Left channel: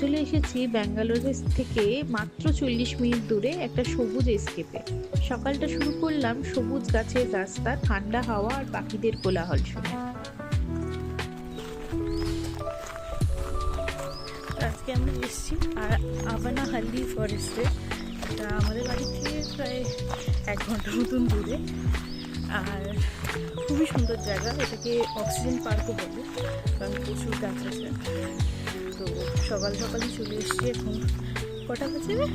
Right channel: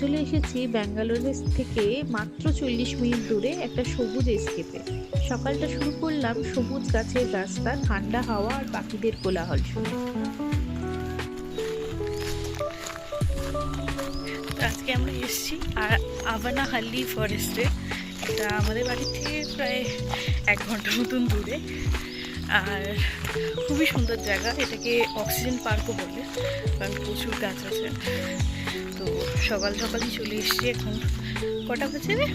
চলে এসেছি ব্যাঙ্গালোর থেকে মাত্র 40 মিনিট দূরে একটা সবুজ এস্কেপে। সকালটা শুরু করলাম সবুজ গাছের রাস্তা, ঠান্ডা হাওয়া আর পাখিদের কোলাহল শুনে। তো আজকে আমরা এসেছি আর আভানাহাল্লি ফরেস্টে। এটা আমাদের বাড়ি থেকে প্রায় 1 ঘন্টা মতন দূরে। আর খুবই সুন্দর জায়গা, এটাকে অক্সিজেন পার্কও বলে, কারণ প্রচুর গাছ আছে। তো সকাল সকালই চলে এসেছি। এখন কটা বাজে রে?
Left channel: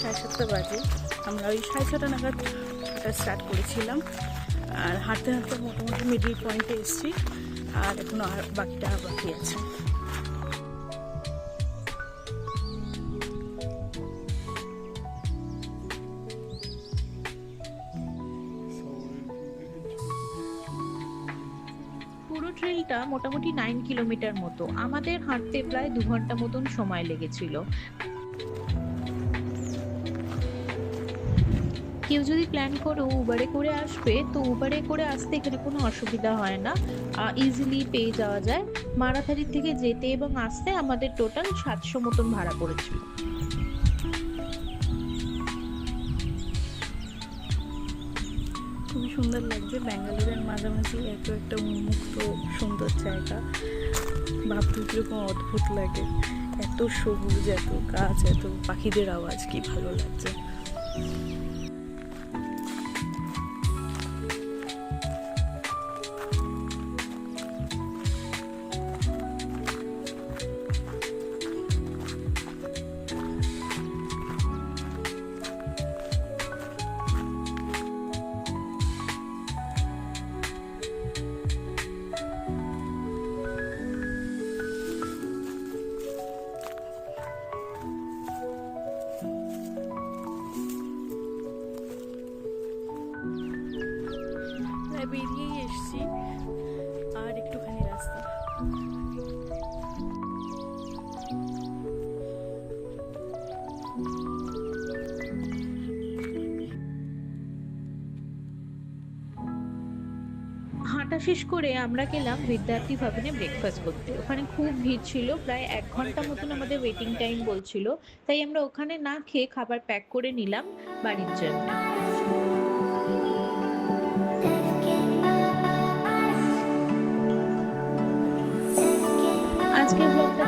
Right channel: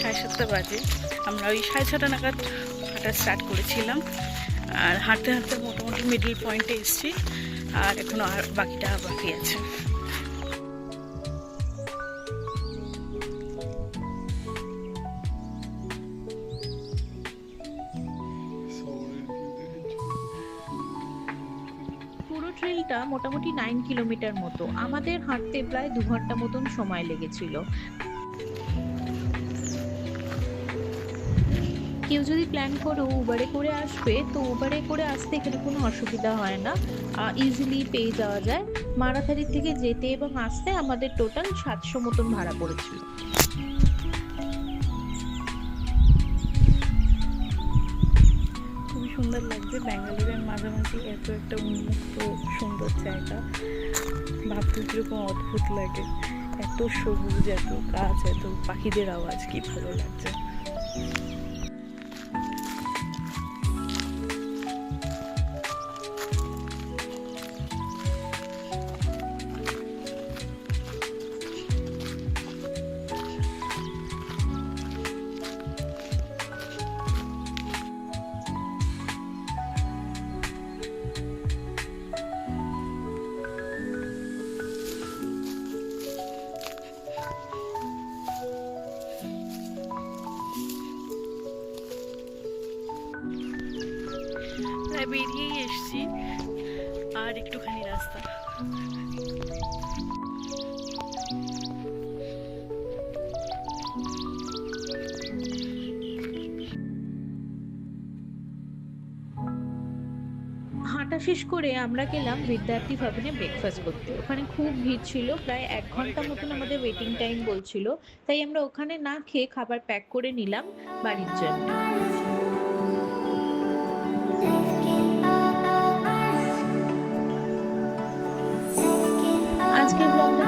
7:30 বাজে। আমরা ওই 6:30 নাগাদ হাঁটা স্টার্ট করেছিলাম, আর হাঁটতে হাঁটতে মোটামুটি মিডল পয়েন্টে এসেছি। আর এখনো আর বাকিটা বাকি আছে। পুরো ট্রেলটা মোটামুটি 9 কিলোমিটার মতো, আমাদের হাঁটতে প্রায় 2 ঘন্টা মতন সময় লেগেছিল। কেউ যদি প্ল্যান করো উবারে করে আসবে, তো উবারে করে আসতে এখানে কোনো অসুবিধা হয় না, ইজিলি পেয়ে যাওয়া যায়। মারাথারি থেকে যেতে এবং আসতে আমাদের টোটাল 700 মতন ভাড়া পড়েছিল। খুবই সুন্দর লাগছে ব্যাঙ্গালোরের মাঝামাঝি এত একটা উন্মুক্ত সুন্দর জায়গা। ভাবতে কীরকম অদ্ভুত লাগে, এত সবুজ, এত গাছ, এত পাখিদের আওয়াজ, কি ভালো লাগছে। প্রায় বেরিয়েই এসছি, আর একটুখানি রাস্তা। হাঁটা শেষ করে আমরা গেলাম বিদ্যার্থী ভবনে ব্রেকফাস্ট করতে। ওখানে খুব ভিড় ছিল, প্রায় 1 ঘন্টা মতন আমাদের ওয়েটিং টাইম বলছিল। তাই আমরা ওখানে না খেয়ে খাবার প্যাক করে নিলাম বাড়ির জন্য। আজকের ব্লগটা